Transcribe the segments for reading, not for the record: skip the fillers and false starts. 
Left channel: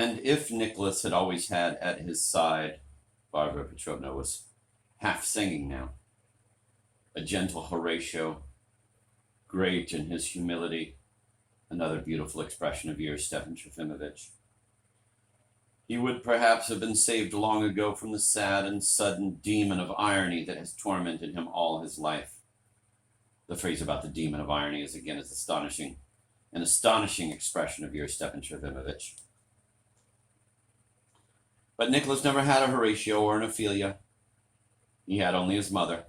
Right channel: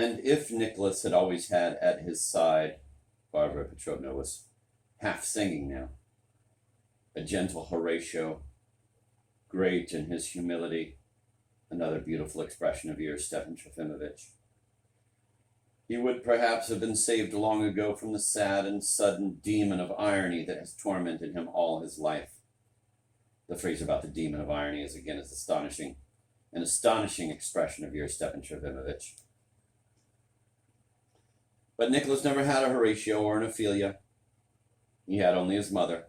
And if Nicholas had always had at his side, Varvara Petrovna was half singing now, a gentle Horatio, great in his humility, another beautiful expression of yours, Stepan Trofimovich. He would perhaps have been saved long ago from the sad and sudden demon of irony that has tormented him all his life. The phrase about the demon of irony is again as astonishing, an astonishing expression of yours, Stepan Trofimovich. But Nicholas never had a Horatio or an Ophelia. He had only his mother.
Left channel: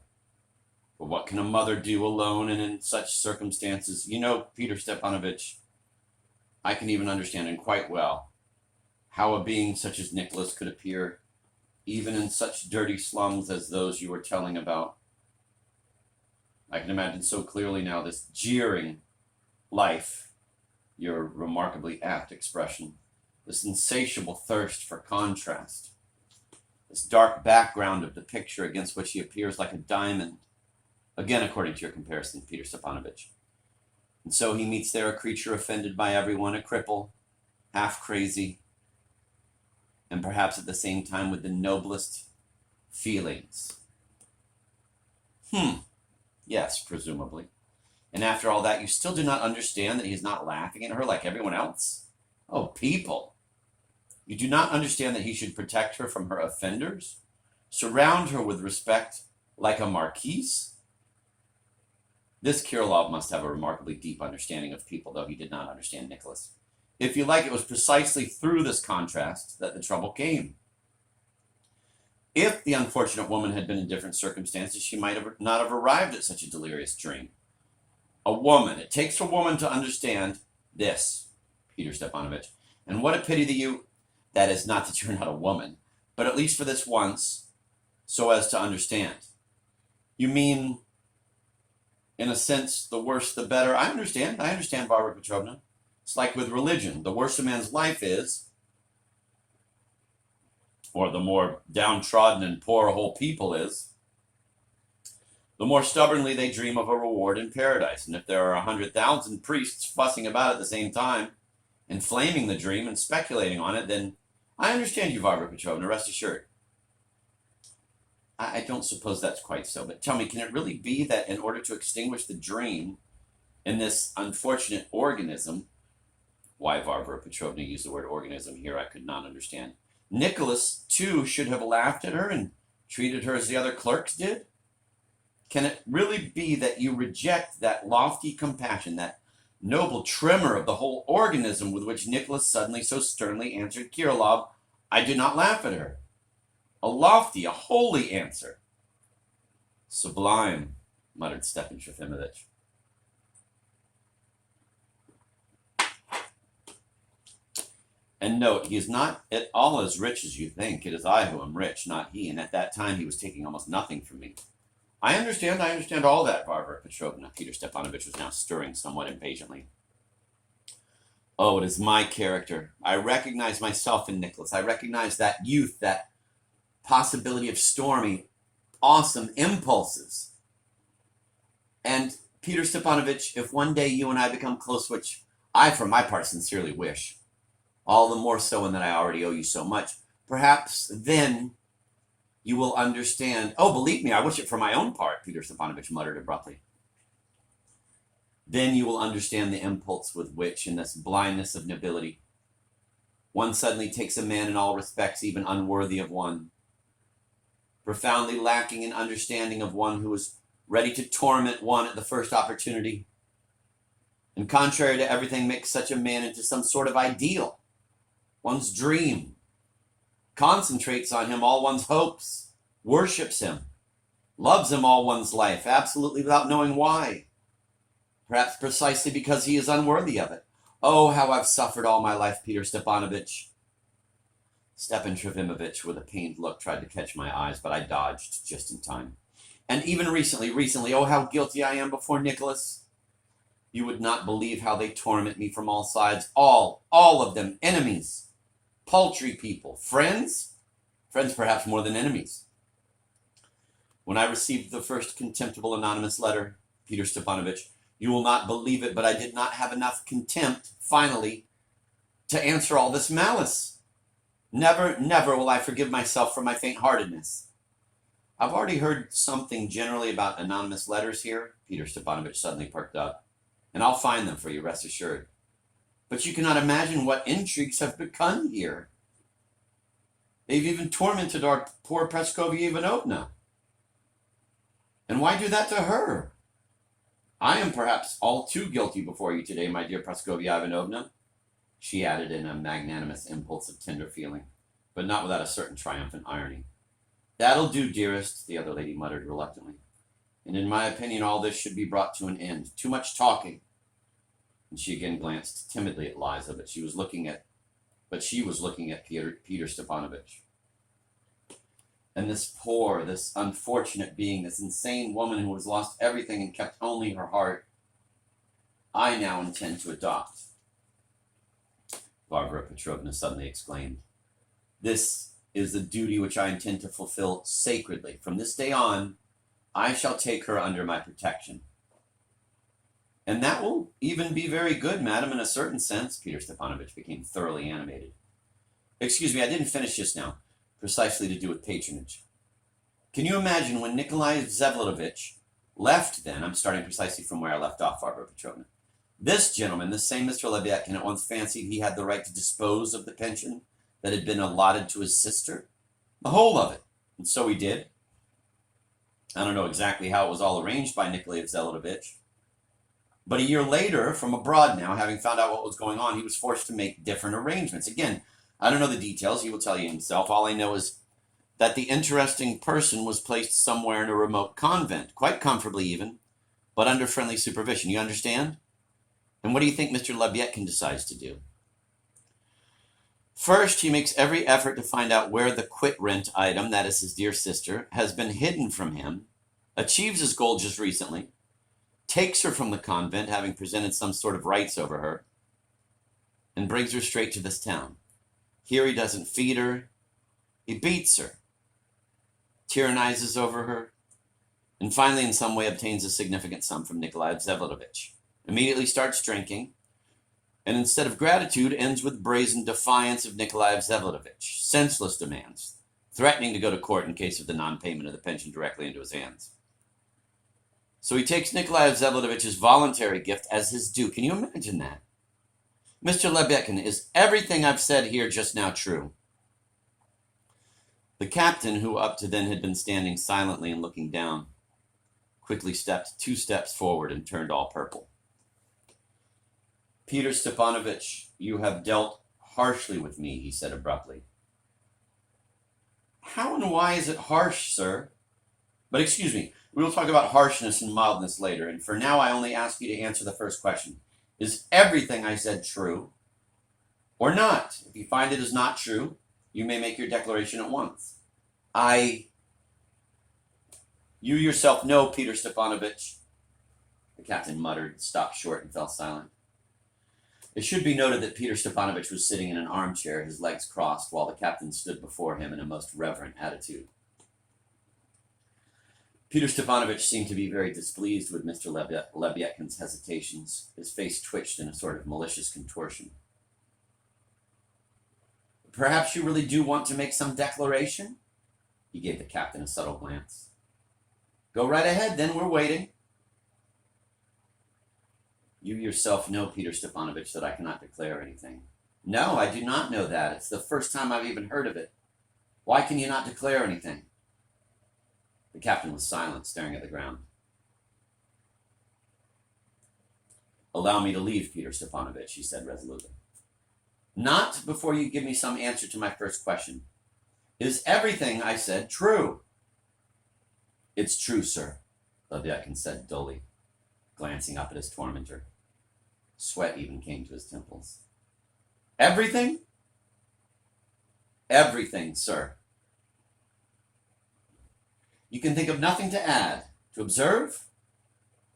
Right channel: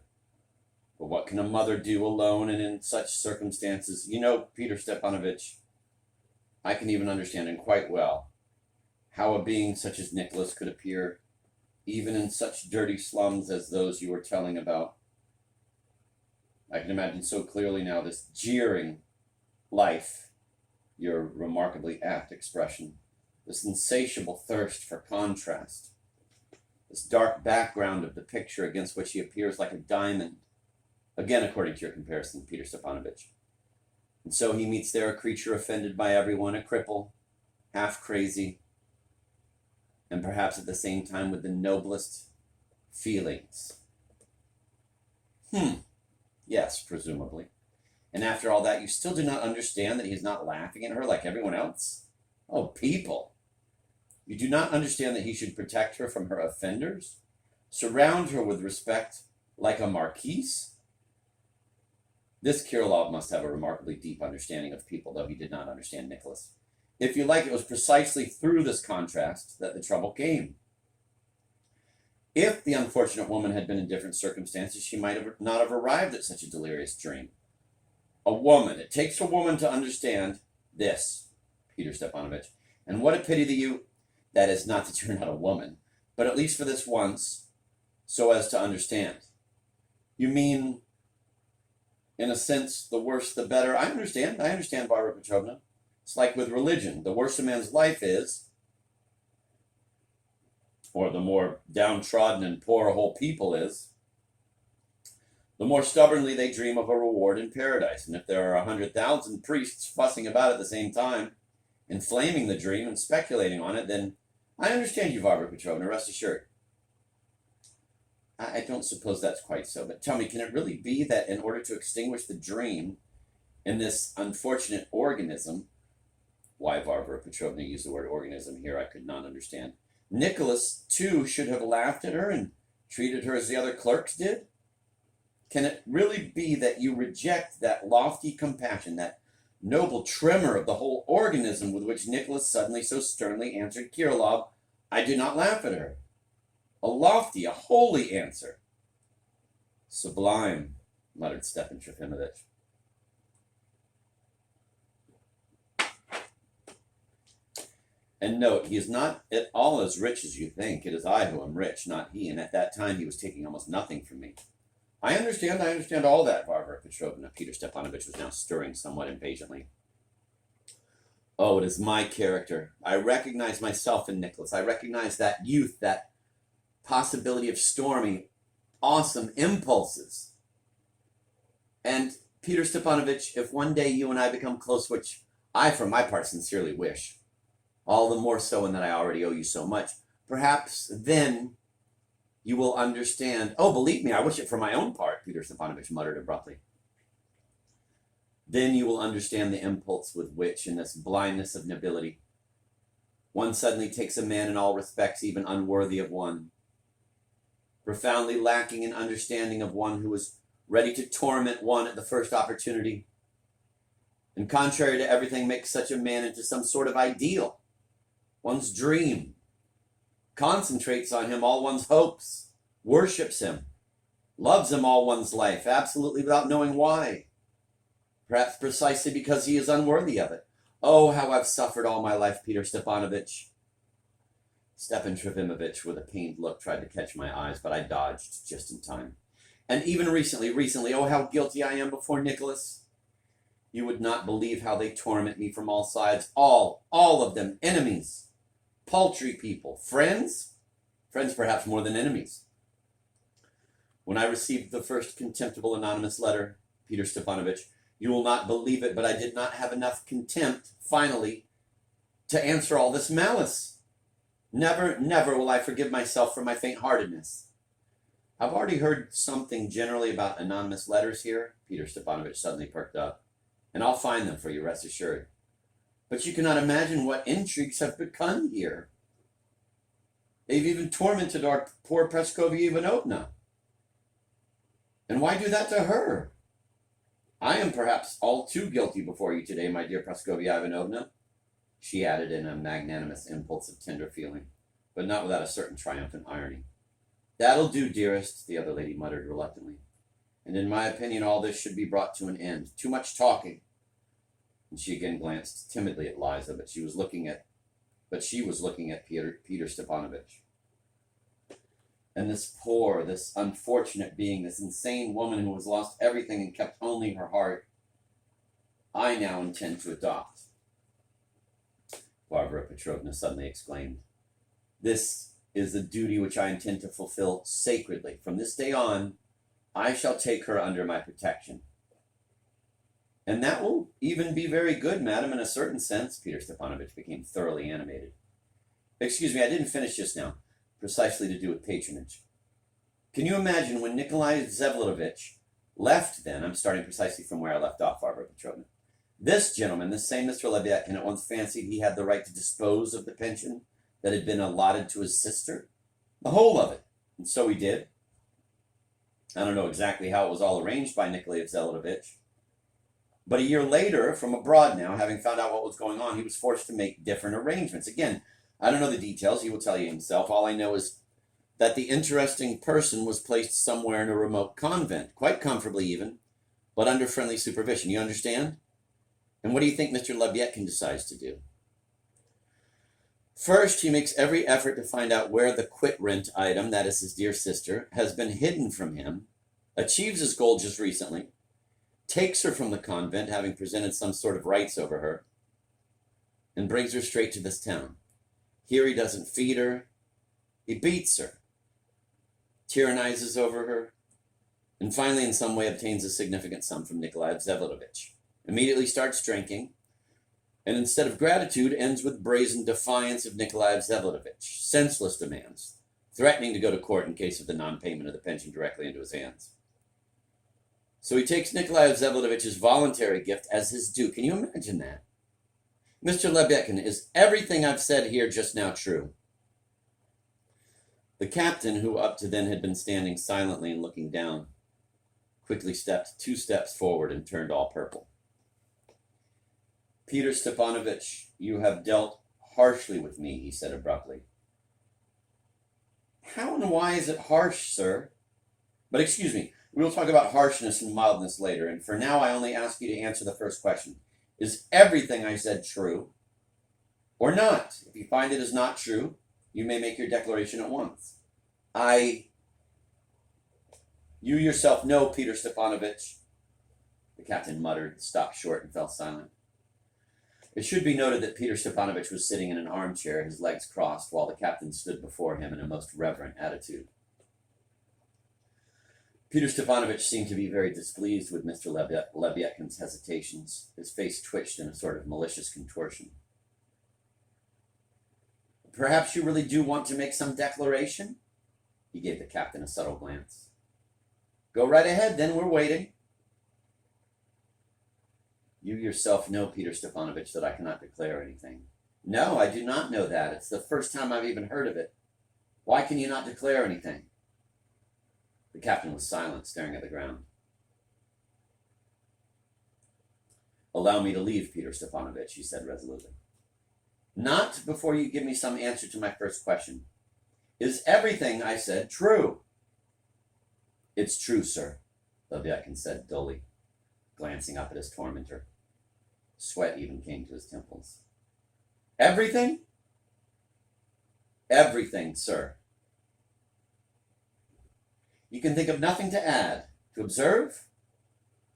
But what can a mother do alone and in such circumstances? You know, Peter Stepanovich, I can even understand, and quite well, how a being such as Nicholas could appear even in such dirty slums as those you were telling about. I can imagine so clearly now this jeering life, your remarkably apt expression, this insatiable thirst for contrast, this dark background of the picture against which he appears like a diamond, again according to your comparison, Peter Stepanovich. And so he meets there a creature offended by everyone, a cripple, half crazy, and perhaps at the same time with the noblest feelings. Yes, presumably. And after all that, you still do not understand that he's not laughing at her like everyone else? Oh, people! You do not understand that he should protect her from her offenders? Surround her with respect like a marquise? This Kirillov must have a remarkably deep understanding of people, though he did not understand Nicholas. If you like, it was precisely through this contrast that the trouble came. If the unfortunate woman had been in different circumstances, she might not have arrived at such a delirious dream. A woman, it takes a woman to understand this, Peter Stepanovich. And what a pity that is not that you're not a woman, but at least for this once, so as to understand. You mean, in a sense, the worse the better? I understand, Varvara Petrovna. It's like with religion. The worse a man's life is, or the more downtrodden and poor a whole people is, the more stubbornly they dream of a reward in paradise. And if there are 100,000 priests fussing about at the same time, inflaming the dream and speculating on it, then I understand you, Varvara Petrovna, rest assured. I don't suppose that's quite so, but tell me, can it really be that in order to extinguish the dream in this unfortunate organism, why Varvara Petrovna used the word organism here, I could not understand. Nicholas, too, should have laughed at her and treated her as the other clerks did? Can it really be that you reject that lofty compassion, that noble tremor of the whole organism with which Nicholas suddenly so sternly answered Kirillov, I do not laugh at her? A lofty, a holy answer. Sublime, muttered Stepan Trofimovich. And note, he is not at all as rich as you think. It is I who am rich, not he. And at that time, he was taking almost nothing from me. I understand all that, Varvara Petrovna. Peter Stepanovich was now stirring somewhat impatiently. Oh, it is my character. I recognize myself in Nicholas. I recognize that youth, that possibility of stormy, awesome impulses. And Peter Stepanovich, if one day you and I become close, which I, for my part, sincerely wish, all the more so in that I already owe you so much, perhaps then you will understand. Oh, believe me, I wish it for my own part, Peter Stepanovich muttered abruptly. Then you will understand the impulse with which, in this blindness of nobility, one suddenly takes a man in all respects even unworthy of one, profoundly lacking in understanding of one who is ready to torment one at the first opportunity, and contrary to everything makes such a man into some sort of ideal, one's dream, concentrates on him all one's hopes, worships him, loves him all one's life, absolutely without knowing why, perhaps precisely because he is unworthy of it. Oh, how I've suffered all my life, Peter Stepanovich. Stepan Trofimovich, with a pained look, tried to catch my eyes, but I dodged just in time. And even recently, oh, how guilty I am before Nicholas. You would not believe how they torment me from all sides, all of them, enemies, paltry people, friends perhaps more than enemies. When I received the first contemptible anonymous letter, Peter Stepanovich, you will not believe it, but I did not have enough contempt, finally, to answer all this malice. Never, never will I forgive myself for my faint-heartedness. I've already heard something generally about anonymous letters here. Peter Stepanovich suddenly perked up. And I'll find them for you, rest assured. But you cannot imagine what intrigues have begun here. They've even tormented our poor Praskovya Ivanovna. And why do that to her? I am perhaps all too guilty before you today, my dear Praskovya Ivanovna, she added in a magnanimous impulse of tender feeling, but not without a certain triumphant irony. That'll do, dearest, the other lady muttered reluctantly. And in my opinion, all this should be brought to an end. Too much talking. And she again glanced timidly at Liza, but she was looking at Peter Stepanovich. And this poor, this unfortunate being, this insane woman who has lost everything and kept only her heart, I now intend to adopt. Varvara Petrovna suddenly exclaimed. This is the duty which I intend to fulfill sacredly. From this day on, I shall take her under my protection. And that will even be very good, madam, in a certain sense. Peter Stepanovich became thoroughly animated. Excuse me, I didn't finish just now. Precisely to do with patronage. Can you imagine when Nikolai Vsevolodovich left then, I'm starting precisely from where I left off, Varvara Petrovna. This gentleman, this same Mr. Lebyadkin, at once fancied he had the right to dispose of the pension that had been allotted to his sister, the whole of it. And so he did. I don't know exactly how it was all arranged by Nikolai Vsevolodovich. But a year later, from abroad now, having found out what was going on, he was forced to make different arrangements. Again, I don't know the details. He will tell you himself. All I know is that the interesting person was placed somewhere in a remote convent, quite comfortably even, but under friendly supervision. You understand? And what do you think Mr. Lebyadkin decides to do? First, he makes every effort to find out where the quit rent item, that is his dear sister, has been hidden from him, achieves his goal just recently, takes her from the convent, having presented some sort of rights over her, and brings her straight to this town. Here he doesn't feed her, he beats her, tyrannizes over her, and finally in some way obtains a significant sum from Nikolai Vsevolodovich. Immediately starts drinking, and instead of gratitude ends with brazen defiance of Nikolai Vsevolodovich, senseless demands, threatening to go to court in case of the non-payment of the pension directly into his hands. So he takes Nikolai Vsevolodovitch's voluntary gift as his due. Can you imagine that? Mr. Lebyadkin, is everything I've said here just now true? The captain, who up to then had been standing silently and looking down, quickly stepped 2 steps forward and turned all purple. Peter Stepanovich, you have dealt harshly with me, he said abruptly. How and why is it harsh, sir? But excuse me, we will talk about harshness and mildness later, and for now I only ask you to answer the first question. Is everything I said true or not? If you find it is not true, you may make your declaration at once. You yourself know, Peter Stepanovich. The captain muttered, stopped short, and fell silent. It should be noted that Peter Stepanovich was sitting in an armchair, his legs crossed, while the captain stood before him in a most reverent attitude. Peter Stepanovich seemed to be very displeased with Mr. Lebyadkin's hesitations. His face twitched in a sort of malicious contortion. Perhaps you really do want to make some declaration? He gave the captain a subtle glance. Go right ahead, then, we're waiting. You yourself know, Peter Stepanovich, that I cannot declare anything. No, I do not know that. It's the first time I've even heard of it. Why can you not declare anything? The captain was silent, staring at the ground. Allow me to leave, Peter Stepanovich, he said resolutely. Not before you give me some answer to my first question. Is everything I said true? It's true, sir, Lebyadkin said dully, glancing up at his tormentor. Sweat even came to his temples. Everything? Everything, sir. You can think of nothing to add, to observe?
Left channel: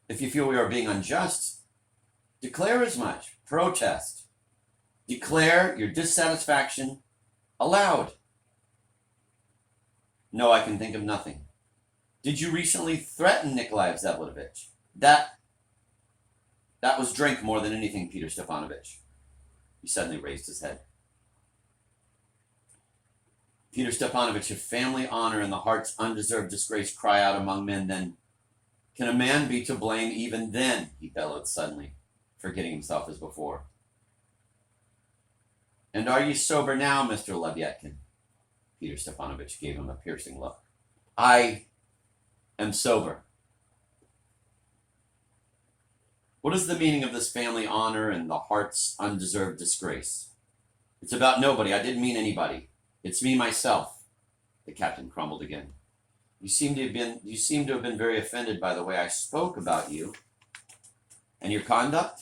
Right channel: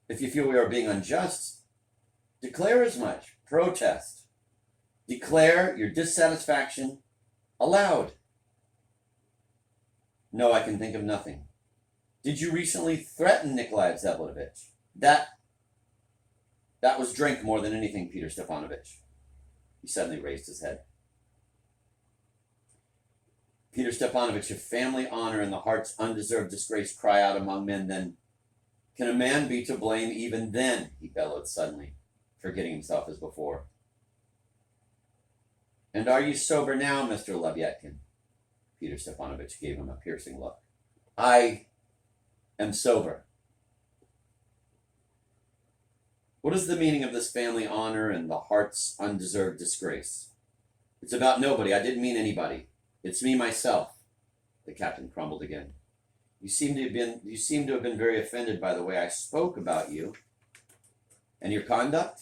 If you feel we are being unjust, declare as much. Protest. Declare your dissatisfaction aloud. No, I can think of nothing. Did you recently threaten Nikolai Vsevolodovich? That was drink more than anything, Peter Stepanovich. He suddenly raised his head. Peter Stepanovich, if family honor and the heart's undeserved disgrace cry out among men, then can a man be to blame even then? He bellowed suddenly, forgetting himself as before. And are you sober now, Mr. Lebyadkin? Peter Stepanovich gave him a piercing look. I am sober. What is the meaning of this family honor and the heart's undeserved disgrace? It's about nobody. I didn't mean anybody. It's me, myself. The captain crumbled again. You seem to have been very offended by the way I spoke about you and your conduct.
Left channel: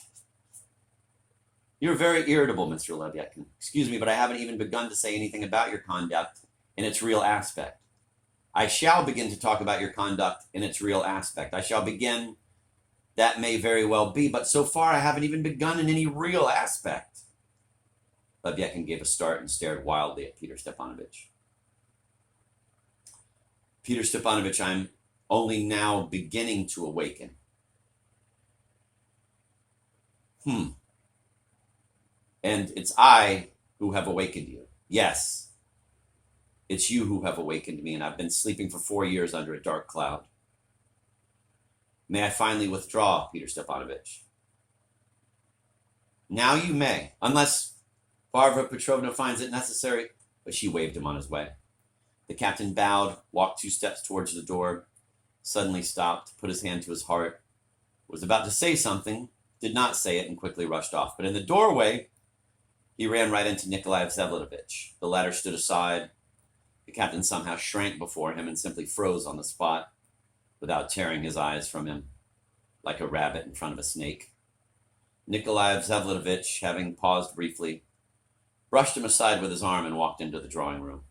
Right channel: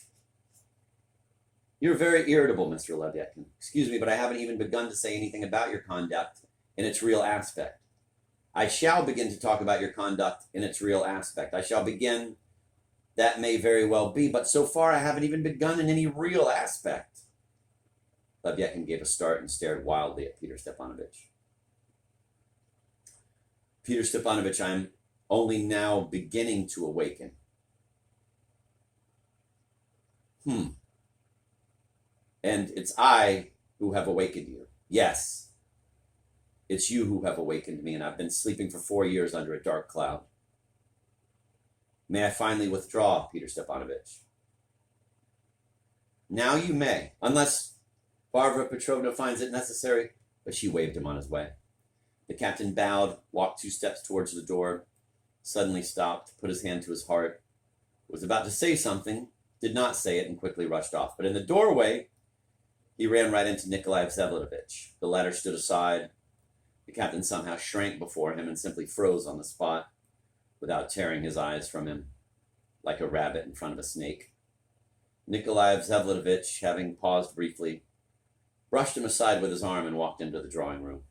You're very irritable, Mr. Lebyadkin. Excuse me, but I haven't even begun to say anything about your conduct in its real aspect. I shall begin to talk about your conduct in its real aspect. I shall begin. That may very well be, but so far I haven't even begun in any real aspect. Lebyadkin gave a start and stared wildly at Peter Stepanovich. Peter Stepanovich, I'm only now beginning to awaken. And it's I who have awakened you. Yes, it's you who have awakened me, and I've been sleeping for 4 years under a dark cloud. May I finally withdraw, Peter Stepanovich? Now you may, unless Varvara Petrovna finds it necessary, but she waved him on his way. The captain bowed, walked 2 steps towards the door, suddenly stopped, put his hand to his heart, was about to say something, did not say it, and quickly rushed off. But in the doorway, he ran right into Nikolai Vsevolatovich. The latter stood aside. The captain somehow shrank before him and simply froze on the spot, without tearing his eyes from him, like a rabbit in front of a snake. Nikolai Vsevolatovich, having paused briefly, brushed him aside with his arm and walked into the drawing room.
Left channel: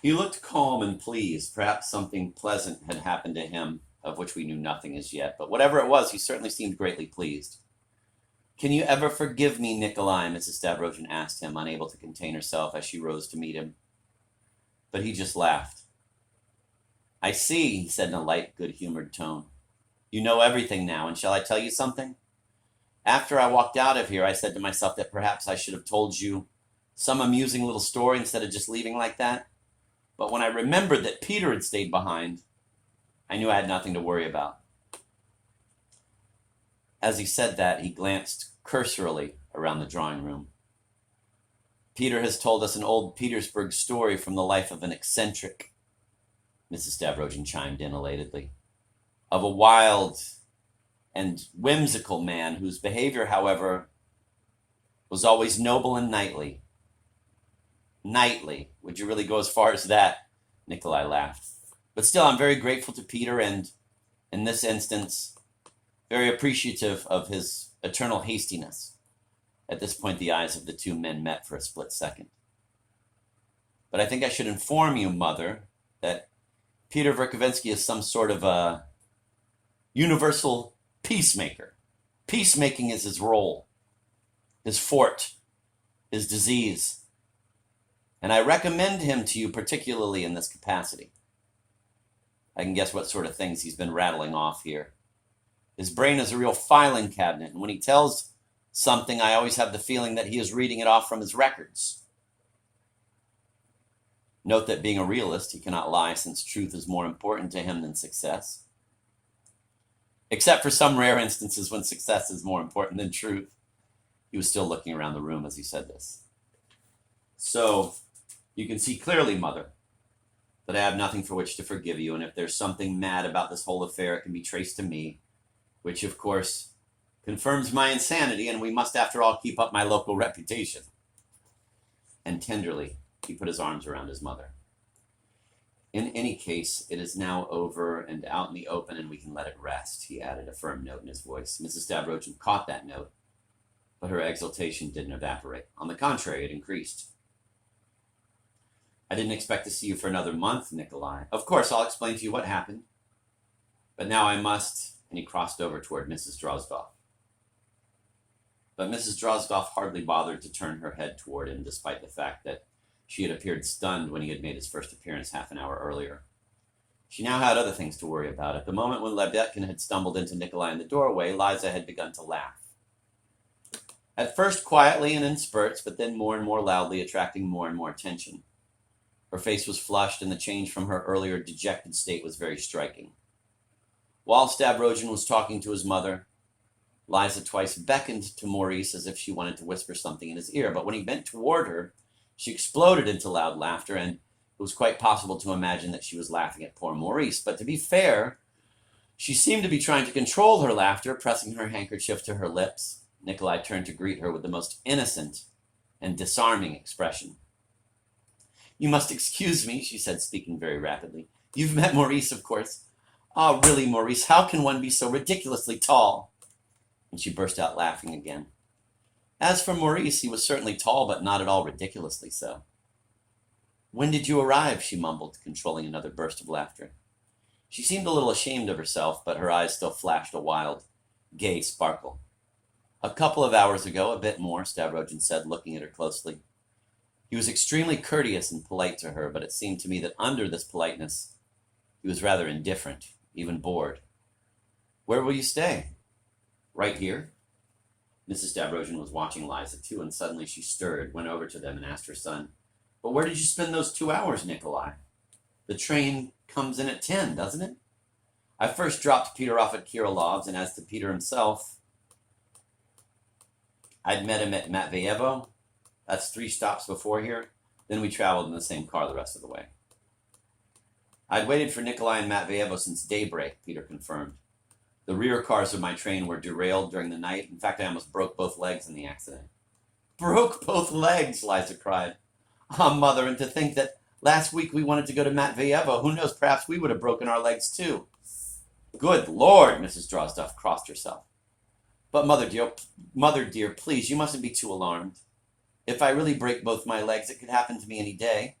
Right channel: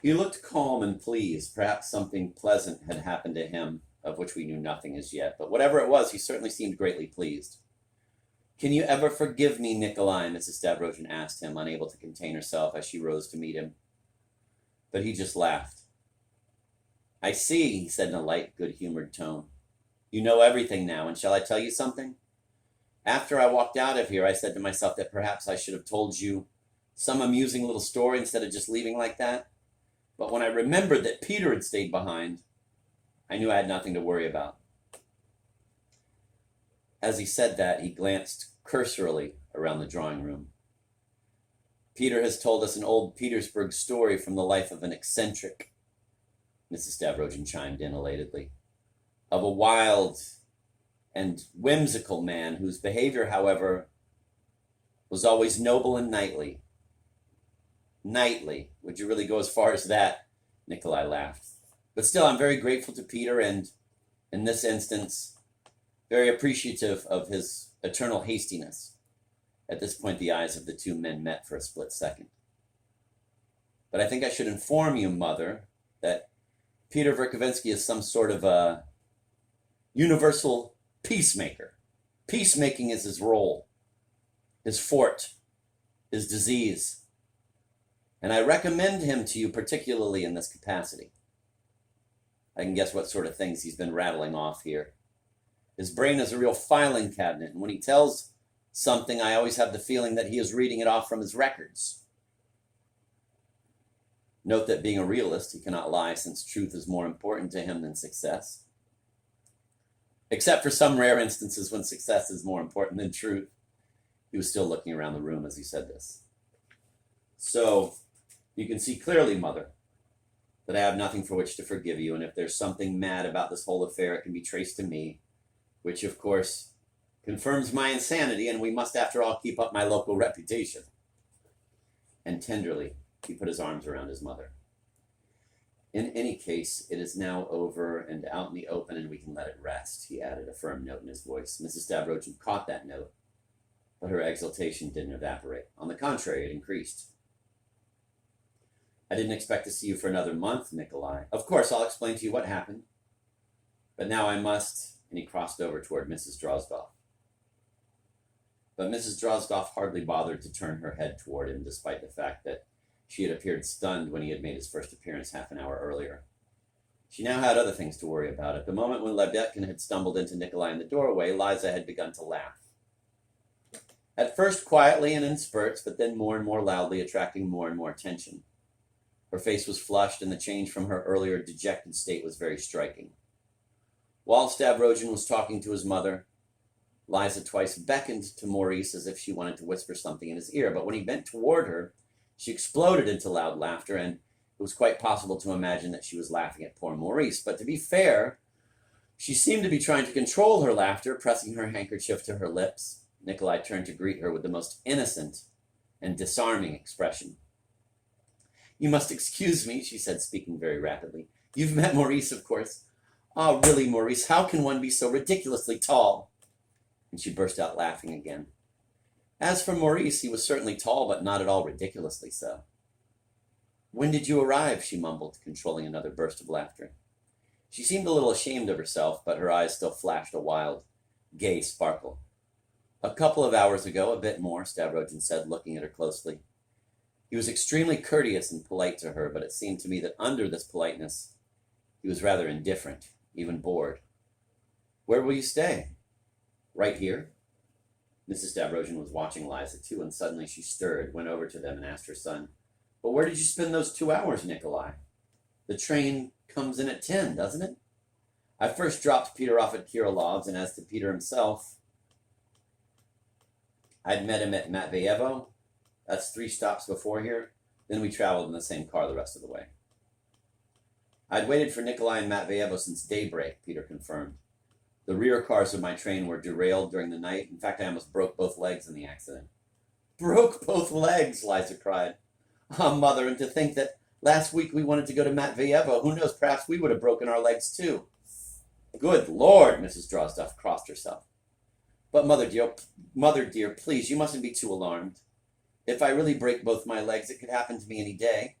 He looked calm and pleased. Perhaps something pleasant had happened to him, of which we knew nothing as yet. But whatever it was, he certainly seemed greatly pleased. Can you ever forgive me, Nikolai? Mrs. Stavrogin asked him, unable to contain herself as she rose to meet him. But he just laughed. I see, he said in a light, good-humored tone. You know everything now, and shall I tell you something? After I walked out of here, I said to myself that perhaps I should have told you some amusing little story instead of just leaving like that. But when I remembered that Peter had stayed behind, I knew I had nothing to worry about. As he said that, he glanced cursorily around the drawing room. Peter has told us an old Petersburg story from the life of an eccentric, Mrs. Stavrogin chimed in elatedly, of a wild and whimsical man whose behavior, however, was always noble and knightly. Knightly. Would you really go as far as that? Nikolai laughed. But still, I'm very grateful to Peter and, in this instance, very appreciative of his eternal hastiness. At this point, the eyes of the 2 men met for a split second. But I think I should inform you, Mother, that Peter Verkovensky is some sort of a universal peacemaker. Peacemaking is his role, his fort, his disease. And I recommend him to you particularly in this capacity. I can guess what sort of things he's been rattling off here. His brain is a real filing cabinet, and when he tells something, I always have the feeling that he is reading it off from his records. Note that being a realist, he cannot lie, since truth is more important to him than success. Except for some rare instances when success is more important than truth. He was still looking around the room as he said this. So, you can see clearly, Mother, that I have nothing for which to forgive you, and if there's something mad about this whole affair, it can be traced to me, which, of course, confirms my insanity, and we must, after all, keep up my local reputation. And tenderly, he put his arms around his mother. In any case, it is now over and out in the open, and we can let it rest, he added, a firm note in his voice. Mrs. Stavrogin caught that note, but her exultation didn't evaporate. On the contrary, it increased. I didn't expect to see you for another month, Nikolai. Of course, I'll explain to you what happened. But now I must and he crossed over toward Mrs. Drozdoff. But Mrs. Drozdoff hardly bothered to turn her head toward him, despite the fact that she had appeared stunned when he had made his first appearance half an hour earlier. She now had other things to worry about. At the moment when Lebedkin had stumbled into Nikolai in the doorway, Liza had begun to laugh. At first quietly and in spurts, but then more and more loudly, attracting more and more attention. Her face was flushed, and the change from her earlier dejected state was very striking. While Stavrogin was talking to his mother, Liza twice beckoned to Maurice as if she wanted to whisper something in his ear, but when he bent toward her, she exploded into loud laughter, and it was quite possible to imagine that she was laughing at poor Maurice. But to be fair, she seemed to be trying to control her laughter, pressing her handkerchief to her lips. Nikolai turned to greet her with the most innocent and disarming expression. "You must excuse me," she said, speaking very rapidly. "You've met Maurice, of course." "Oh, really, Maurice, how can one be so ridiculously tall?" And she burst out laughing again. As for Maurice, he was certainly tall, but not at all ridiculously so. "When did you arrive?" she mumbled, controlling another burst of laughter. She seemed a little ashamed of herself, but her eyes still flashed a wild, gay sparkle. "A couple of hours ago, a bit more," Stavrogin said, looking at her closely. He was extremely courteous and polite to her, but it seemed to me that under this politeness, he was rather indifferent, even bored. "Where will you stay?" "Right here." Mrs. Stavrogin was watching Liza too, and suddenly she stirred, went over to them, and asked her son, "But where did you spend those 2 hours, Nikolai? The train comes in at 10, doesn't it?" "I first dropped Peter off at Kirilov's, and as to Peter himself, I'd met him at Matveyevo. That's 3 stops before here. Then we traveled in the same car the rest of the way." "I'd waited for Nikolai in Matveyevo since daybreak," Peter confirmed. "The rear cars of my train were derailed during the night. In fact, I almost broke both legs in the accident." "Broke both legs?" Liza cried. "Ah, Mother, and to think that last week we wanted to go to Matveyevo. Who knows, perhaps we would have broken our legs too." "Good Lord!" Mrs. Drozdoff crossed herself. "But Mother dear, please, you mustn't be too alarmed. If I really break both my legs, it could happen to me any day.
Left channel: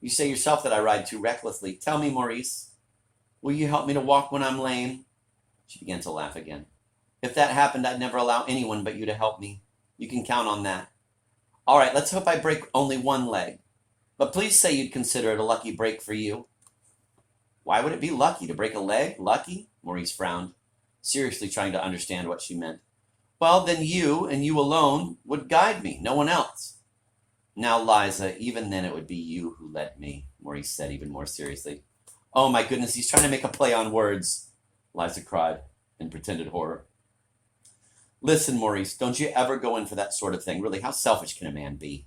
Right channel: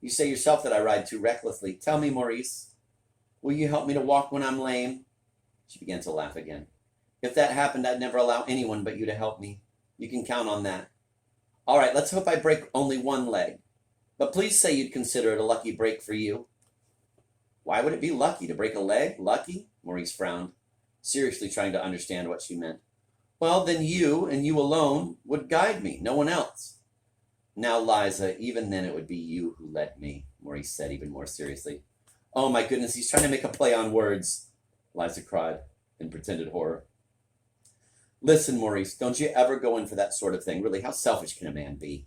You say yourself that I ride too recklessly. Tell me, Maurice, will you help me to walk when I'm lame?" She began to laugh again. "If that happened, I'd never allow anyone but you to help me. You can count on that. All right, let's hope I break only one leg. But please say you'd consider it a lucky break for you." "Why would it be lucky to break a leg? Lucky?" Maurice frowned, seriously trying to understand what she meant. "Well, then you, and you alone, would guide me, no one else." "Now, Liza, even then it would be you who led me," Maurice said even more seriously. "Oh, my goodness, he's trying to make a play on words," Liza cried in pretended horror. "Listen, Maurice, don't you ever go in for that sort of thing. Really, how selfish can a man be?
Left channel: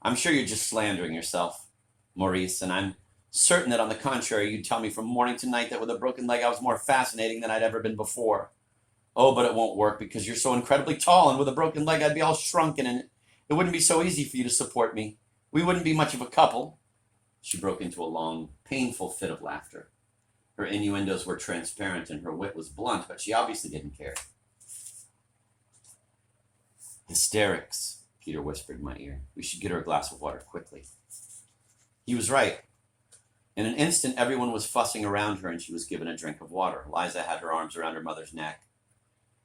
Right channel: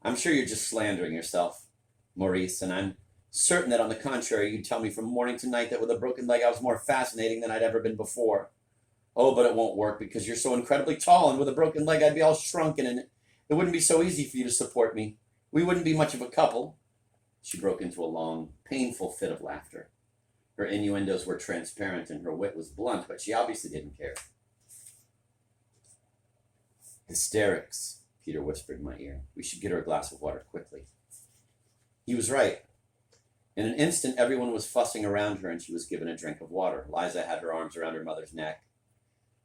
I'm sure you're just slandering yourself, Maurice, and I'm certain that on the contrary, you'd tell me from morning to night that with a broken leg I was more fascinating than I'd ever been before. Oh, but it won't work because you're so incredibly tall, and with a broken leg I'd be all shrunken, and it wouldn't be so easy for you to support me. We wouldn't be much of a couple." She broke into a long, painful fit of laughter. Her innuendos were transparent and her wit was blunt, but she obviously didn't care. "Hysterics," Peter whispered in my ear. "We should get her a glass of water quickly." He was right. In an instant, everyone was fussing around her, and she was given a drink of water. Liza had her arms around her mother's neck.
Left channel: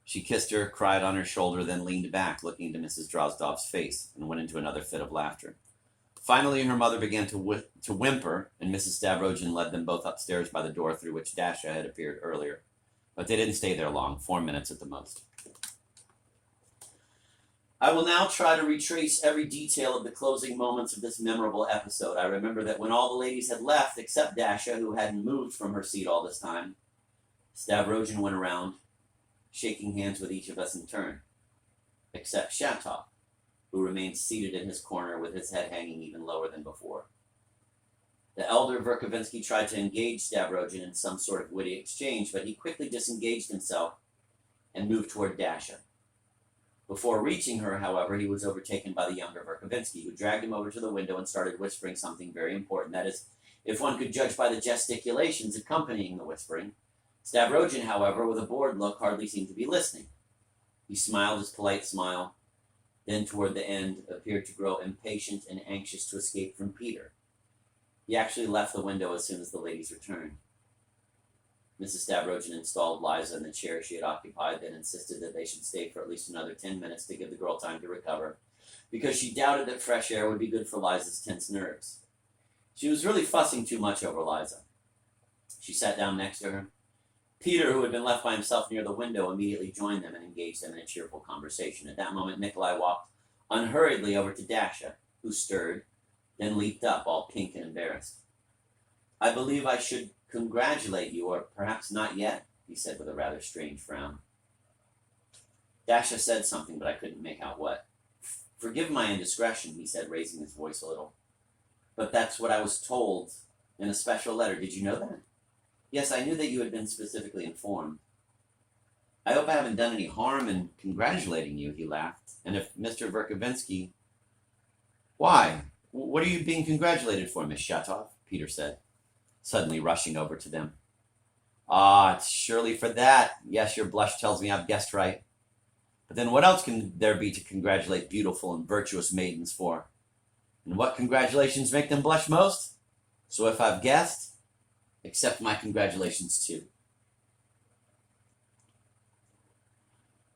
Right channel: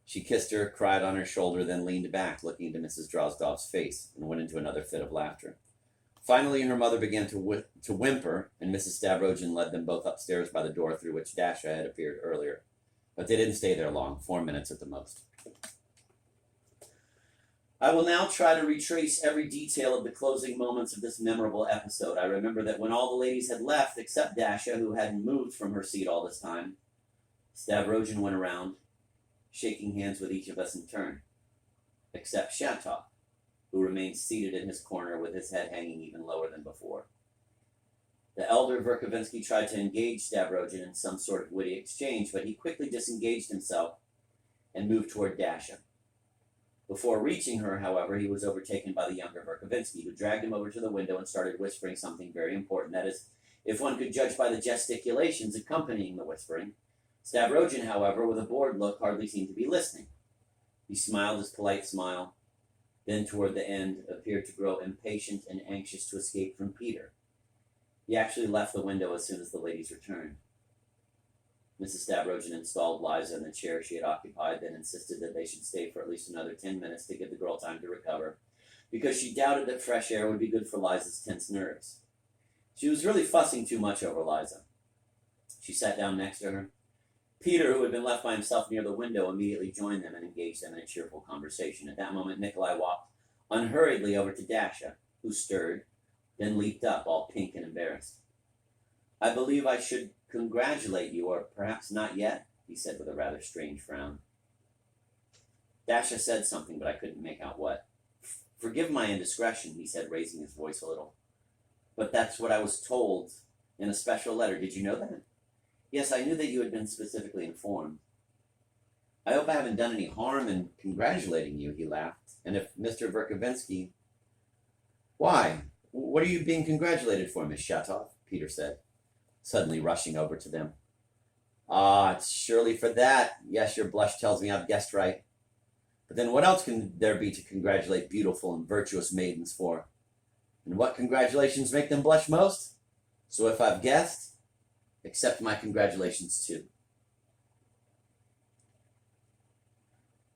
She kissed her, cried on her shoulder, then leaned back, looking into Mrs. Drozdoff's face, and went into another fit of laughter. Finally, her mother began to whimper, and Mrs. Stavrogin led them both upstairs by the door through which Dasha had appeared earlier. But they didn't stay there long, 4 minutes at the most. I will now try to retrace every detail of the closing moments of this memorable episode. I remember that when all the ladies had left, except Dasha, who hadn't moved from her seat all this time, Stavrogin went around, shaking hands with each of us in turn, except Shatov, who remained seated in his corner with his head hanging even lower than before. The elder Verkovensky tried to engage Stavrogin in some sort of witty exchange, but he quickly disengaged himself and moved toward Dasha. Before reaching her, however, he was overtaken by the younger Verkovensky, who dragged him over to the window and started whispering something very important. That is, if one could judge by the gesticulations accompanying the whispering. Stavrogin, however, with a bored look, hardly seemed to be listening. He smiled his polite smile, then toward the end appeared to grow impatient and anxious to escape from Peter. He actually left the window as soon as the ladies returned. Mrs. Stavrogen installed Liza in the chair she had occupied, then insisted that they should stay for at least another 10 minutes to give the girl time to recover, because she doubted that fresh air would be good for Liza's tense nerves. She was really fussing too much over Liza. She sat down next to her. Peter, who had been left by himself near the window, immediately joined them and engaged them in a cheerful conversation. At that moment, Nikolai walked unhurriedly over to Dasha, who stirred, then leaped up, all pink and embarrassed. "I believe I should congratulate you, or perhaps not yet," he said with a rather strange frown. Dasha said something, but I couldn't make out what. "Forgive my indiscretion," he said, raising his voice a little. "But that's what I was told in a special letter. Did you know that?" "Yes, I knew that you had been specifically informed." "I hope I haven't done any harm in congratulating you," he laughed. "And if Mr. Verkovensky—" "Why? What are you being congratulated for, Miss Shatov?" Peter said, suddenly rushing over to them. "Ah, it's surely for that. Yes, your blush tells me I've guessed right. But then what else can there be to congratulate beautiful and virtuous maidens for? And what congratulations make them blush most? So if I've guessed, accept my congratulations too.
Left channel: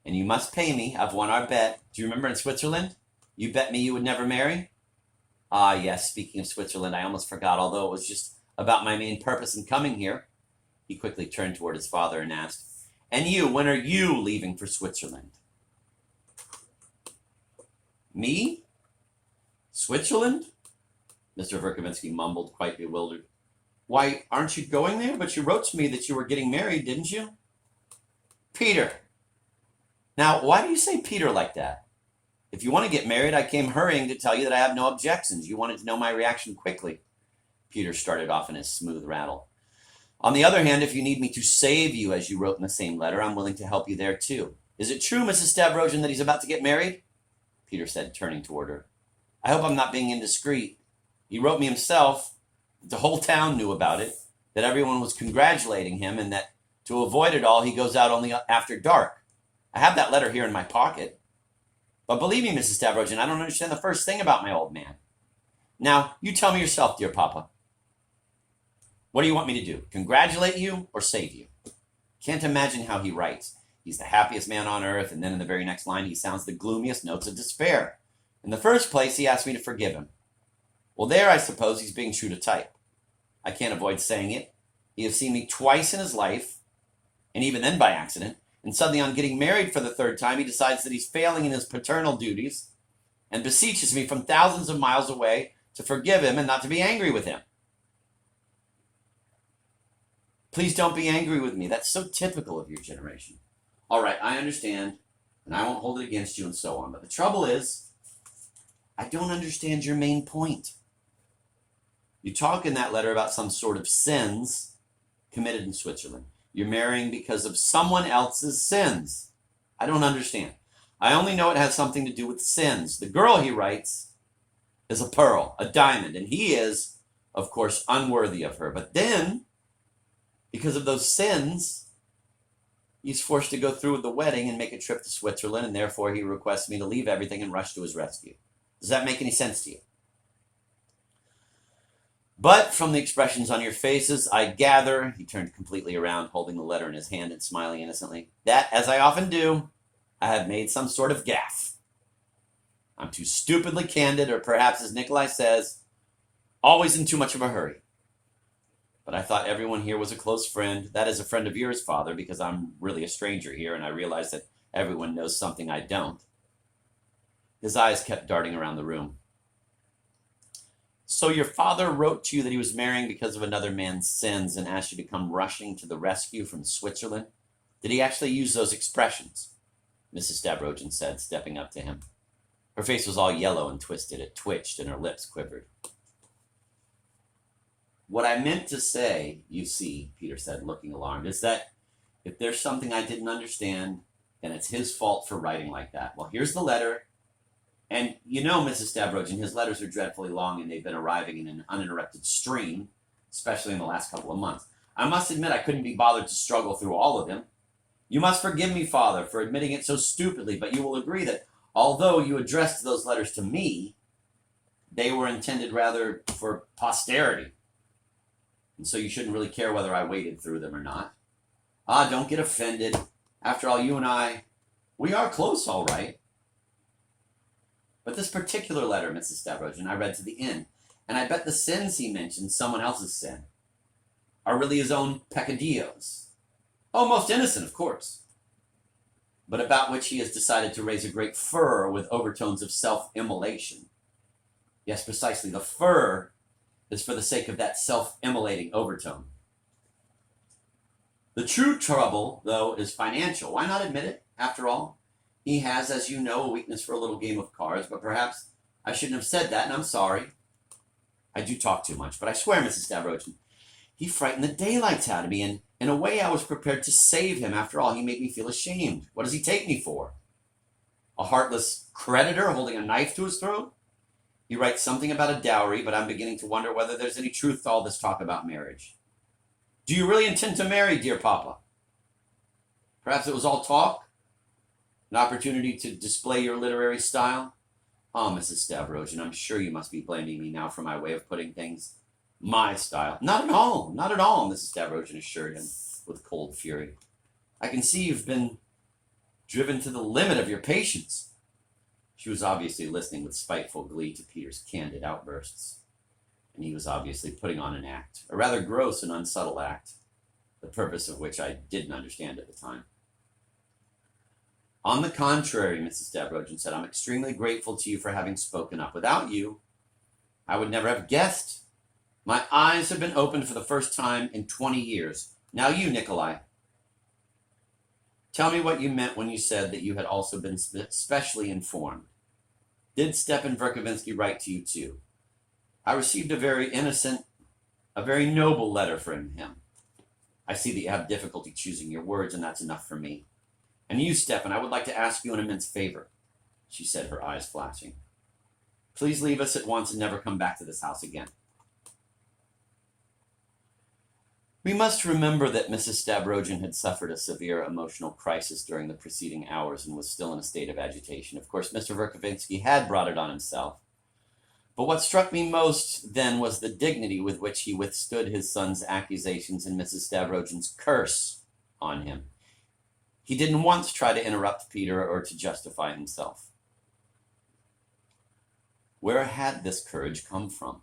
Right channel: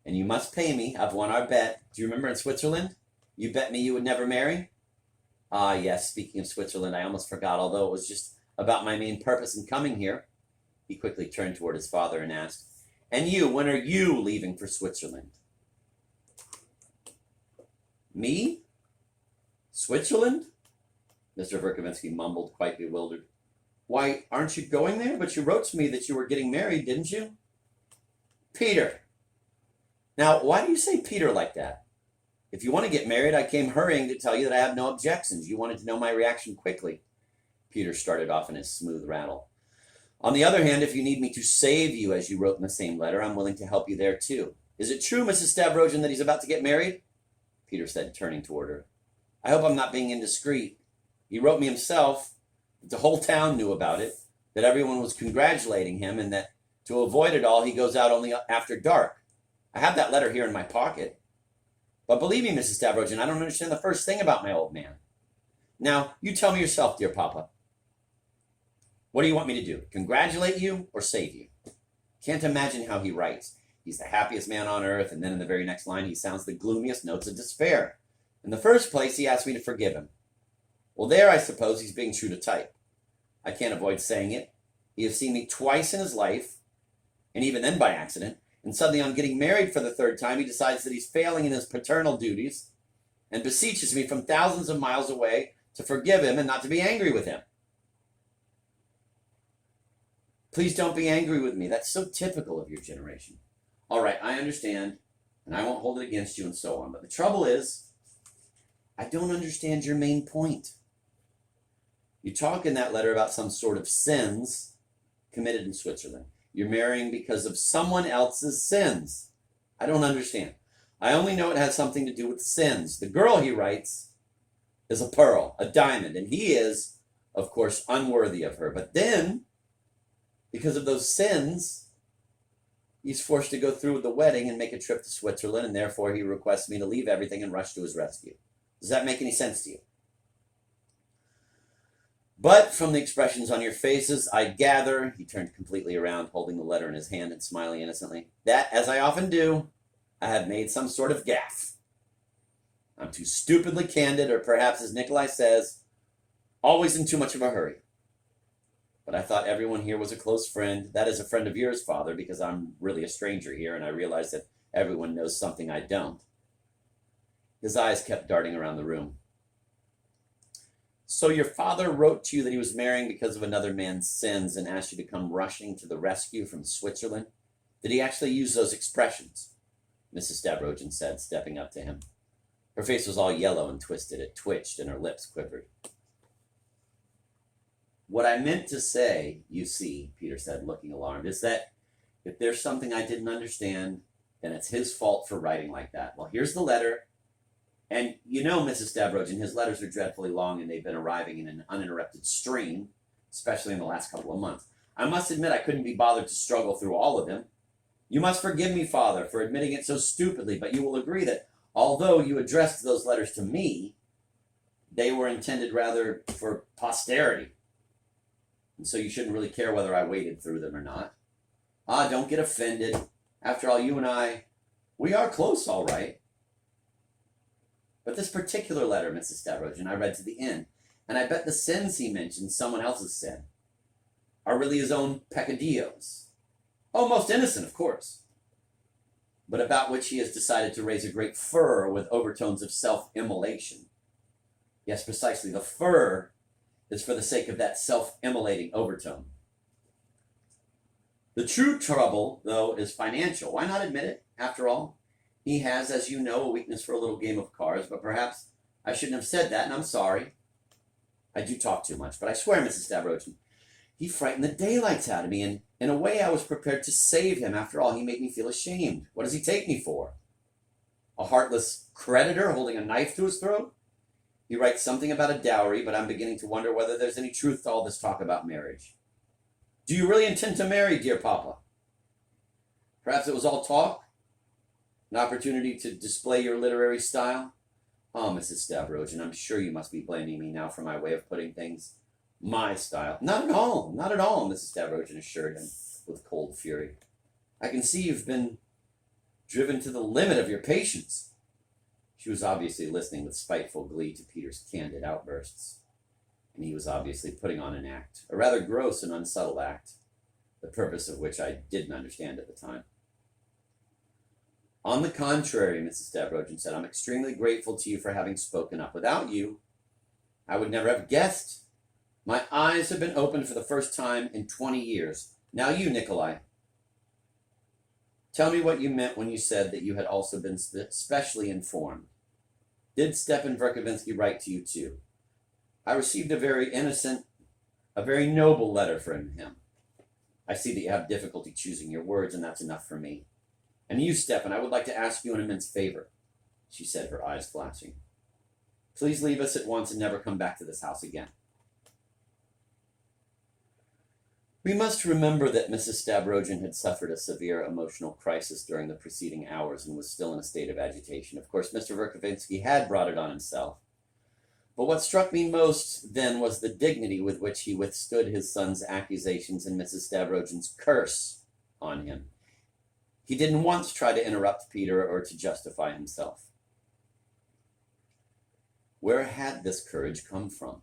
And you must pay me. I've won our bet. Do you remember in Switzerland? You bet me you would never marry? Ah, yes, speaking of Switzerland, I almost forgot, although it was just about my main purpose in coming here." He quickly turned toward his father and asked, "And you, when are you leaving for Switzerland?" "Me? Switzerland?" Mr. Verkovensky mumbled, quite bewildered. "Why, aren't you going there? But you wrote to me that you were getting married, didn't you?" "Peter!" Now, why do you say Peter like that? If you want to get married, I came hurrying to tell you that I have no objections. You wanted to know my reaction quickly. Peter started off in his smooth rattle. "On the other hand, if you need me to save you, as you wrote in the same letter, I'm willing to help you there too. Is it true, Mrs. Stavrogen, that he's about to get married?" Peter said, turning toward her. "I hope I'm not being indiscreet. He wrote me himself that the whole town knew about it, that everyone was congratulating him, and that to avoid it all, he goes out only after dark. I have that letter here in my pocket. But believe me, Mrs. Stavrogen, I don't understand the first thing about my old man. Now, you tell me yourself, dear Papa. What do you want me to do? Congratulate you or save you?" Can't imagine how he writes. He's the happiest man on earth, and then in the very next line, he sounds the gloomiest notes of despair. In the first place, he asked me to forgive him. Well, there, I suppose he's being true to type. I can't avoid saying it. He has seen me twice in his life, and even then by accident, and suddenly on getting married for the third time, he decides that he's failing in his paternal duties and beseeches me from thousands of miles away to forgive him and not to be angry with him. Please don't be angry with me. That's so typical of your generation. All right, I understand, and I won't hold it against you and so on. But the trouble is, I don't understand your main point. You talk in that letter about some sort of sins committed in Switzerland. You're marrying because of someone else's sins. I don't understand. I only know it has something to do with sins. The girl, he writes, is a pearl, a diamond, and he is, of course, unworthy of her. But then, because of those sins, he's forced to go through with the wedding and make a trip to Switzerland, and therefore he requests me to leave everything and rush to his rescue. Does that make any sense to you? But from the expressions on your faces, I gather, he turned completely around, holding the letter in his hand and smiling innocently, that, as I often do, I have made some sort of gaffe. I'm too stupidly candid, or perhaps, as Nikolai says, always in too much of a hurry. But I thought everyone here was a close friend. That is, a friend of yours, Father, because I'm really a stranger here, and I realize that everyone knows something I don't. His eyes kept darting around the room. So your father wrote to you that he was marrying because of another man's sins and asked you to come rushing to the rescue from Switzerland? Did he actually use those expressions? Mrs. Stavrogen said, stepping up to him. Her face was all yellow and twisted. It twitched and her lips quivered. What I meant to say, you see, Peter said, looking alarmed, is that if there's something I didn't understand, then it's his fault for writing like that. Well, here's the letter. And you know, Mrs. Stavrogen, his letters are dreadfully long and they've been arriving in an uninterrupted stream, especially in the last couple of months. I must admit I couldn't be bothered to struggle through all of them. You must forgive me, Father, for admitting it so stupidly, but you will agree that although you addressed those letters to me, they were intended rather for posterity. And so you shouldn't really care whether I waded through them or not. Ah, don't get offended. After all, you and I, we are close, all right. But this particular letter, Mrs. Stavrogin, I read to the end, and I bet the sins he mentions, someone else's sin, are really his own peccadillos. Oh, most innocent, of course, but about which he has decided to raise a great furor with overtones of self-immolation. Yes, precisely. The furor is for the sake of that self-immolating overtone. The true trouble, though, is financial. Why not admit it? After all, he has, as you know, a weakness for a little game of cards, but perhaps I shouldn't have said that, and I'm sorry. I do talk too much, but I swear, Mrs. Stavrogin, he frightened the daylights out of me, and in a way I was prepared to save him. After all, he made me feel ashamed. What does he take me for? A heartless creditor holding a knife to his throat? He writes something about a dowry, but I'm beginning to wonder whether there's any truth to all this talk about marriage. Do you really intend to marry, dear Papa? Perhaps it was all talk? An opportunity to display your literary style? Oh, Mrs. Stavrogin, I'm sure you must be blaming me now for my way of putting things. My style. Not at all, not at all, Mrs. Stavrogin assured him with cold fury. I can see you've been driven to the limit of your patience. She was obviously listening with spiteful glee to Peter's candid outbursts, and he was obviously putting on an act, a rather gross and unsubtle act, the purpose of which I didn't understand at the time. On the contrary, Mrs. Stavrogin said, I'm extremely grateful to you for having spoken up. Without you, I would never have guessed. My eyes have been opened for the first time in 20 years. Now you, Nikolai. Tell me what you meant when you said that you had also been specially informed. Did Stepan Verkovensky write to you too? I received a very innocent, a very noble letter from him. I see that you have difficulty choosing your words, and that's enough for me. And you, Stepan, I would like to ask you an immense favor, she said, her eyes flashing. Please leave us at once and never come back to this house again. We must remember that Mrs. Stavrogin had suffered a severe emotional crisis during the preceding hours and was still in a state of agitation. Of course, Mr. Verkovensky had brought it on himself. But what struck me most then was the dignity with which he withstood his son's accusations and Mrs. Stavrogin's curse on him. He didn't once try to interrupt Peter or to justify himself. Where had this courage come from?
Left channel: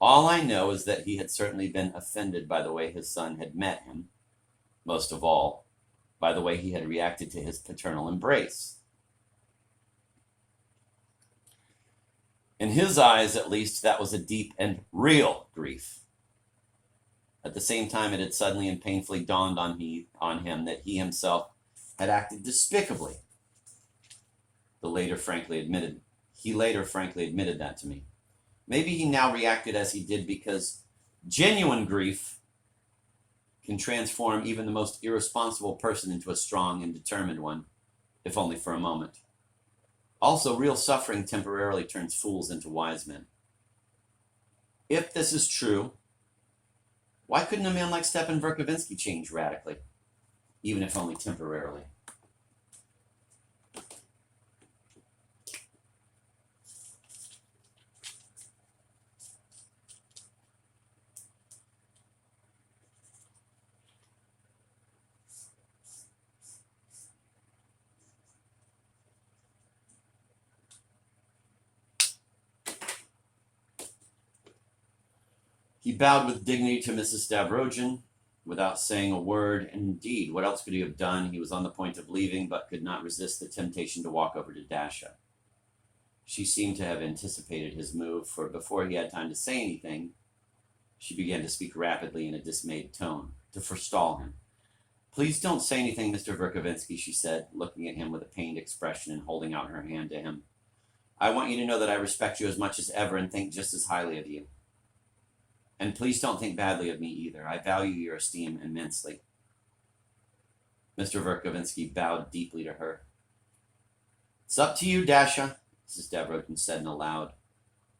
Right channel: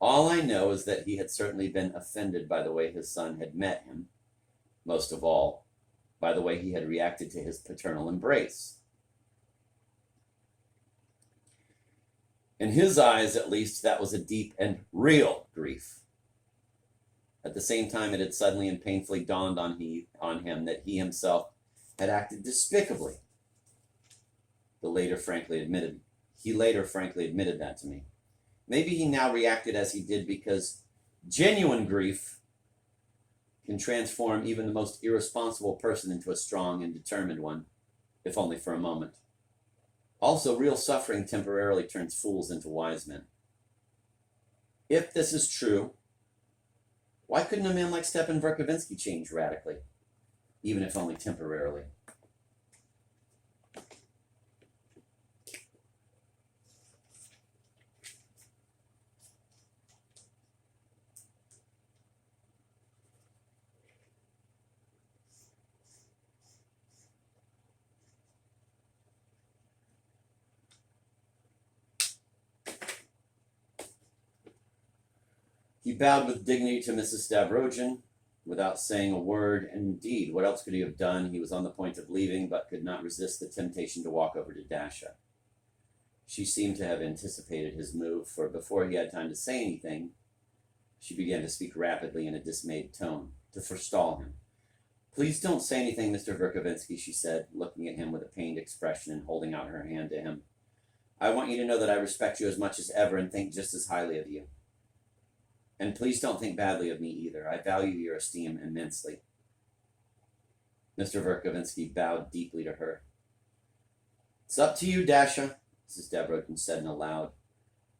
All I know is that he had certainly been offended by the way his son had met him, most of all, by the way he had reacted to his paternal embrace. In his eyes, at least, that was a deep and real grief. At the same time, it had suddenly and painfully dawned on him that he himself had acted despicably. He later frankly admitted that to me. Maybe he now reacted as he did because genuine grief can transform even the most irresponsible person into a strong and determined one, if only for a moment. Also, real suffering temporarily turns fools into wise men. If this is true, why couldn't a man like Stepan Verkovensky change radically, even if only temporarily? He bowed with dignity to Mrs. Stavrogin without saying a word, and indeed, what else could he have done? He was on the point of leaving, but could not resist the temptation to walk over to Dasha. She seemed to have anticipated his move, for before he had time to say anything, she began to speak rapidly in a dismayed tone, to forestall him. Please don't say anything, Mr. Verkovensky, she said, looking at him with a pained expression and holding out her hand to him. I want you to know that I respect you as much as ever and think just as highly of you. And please don't think badly of me either. I value your esteem immensely. Mr. Verkovensky bowed deeply to her. It's up to you, Dasha, Mrs. Stavrogin said in a loud,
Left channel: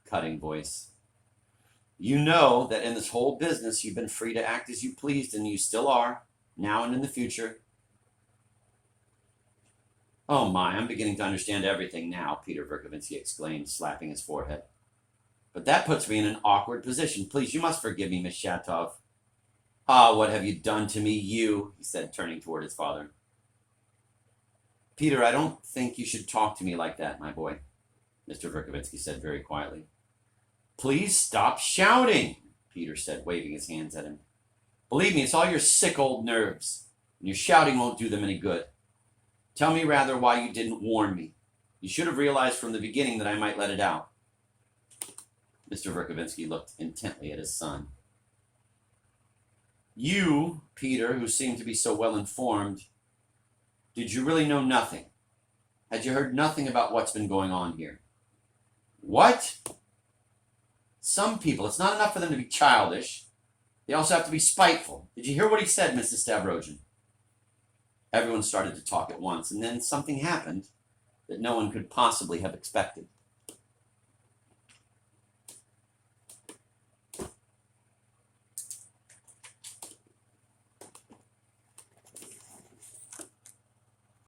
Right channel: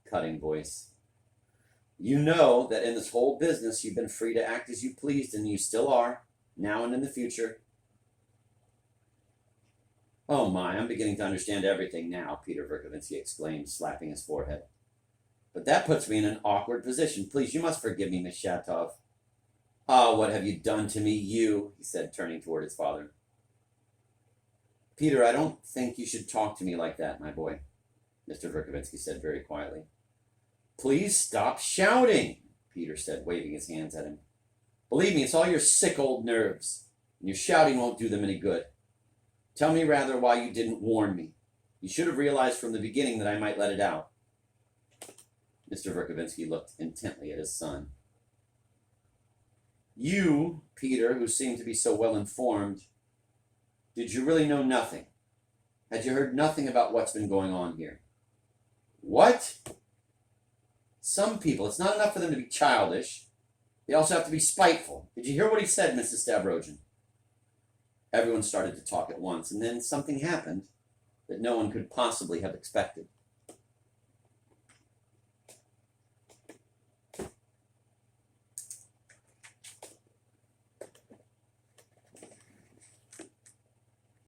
cutting voice. You know that in this whole business you've been free to act as you pleased, and you still are, now and in the future. Oh my, I'm beginning to understand everything now, Peter Verkovensky exclaimed, slapping his forehead. But that puts me in an awkward position. Please, you must forgive me, Miss Shatov. Ah, what have you done to me, you? He said, turning toward his father. Peter, I don't think you should talk to me like that, my boy, Mr. Verkovensky said very quietly. Please stop shouting, Peter said, waving his hands at him. Believe me, it's all your sick old nerves, and your shouting won't do them any good. Tell me rather why you didn't warn me. You should have realized from the beginning that I might let it out. Mr. Verkovensky looked intently at his son. You, Peter, who seemed to be so well informed, did you really know nothing? Had you heard nothing about what's been going on here? What? Some people, it's not enough for them to be childish. They also have to be spiteful. Did you hear what he said, Mrs. Stavrogin? Everyone started to talk at once, and then something happened that no one could possibly have expected.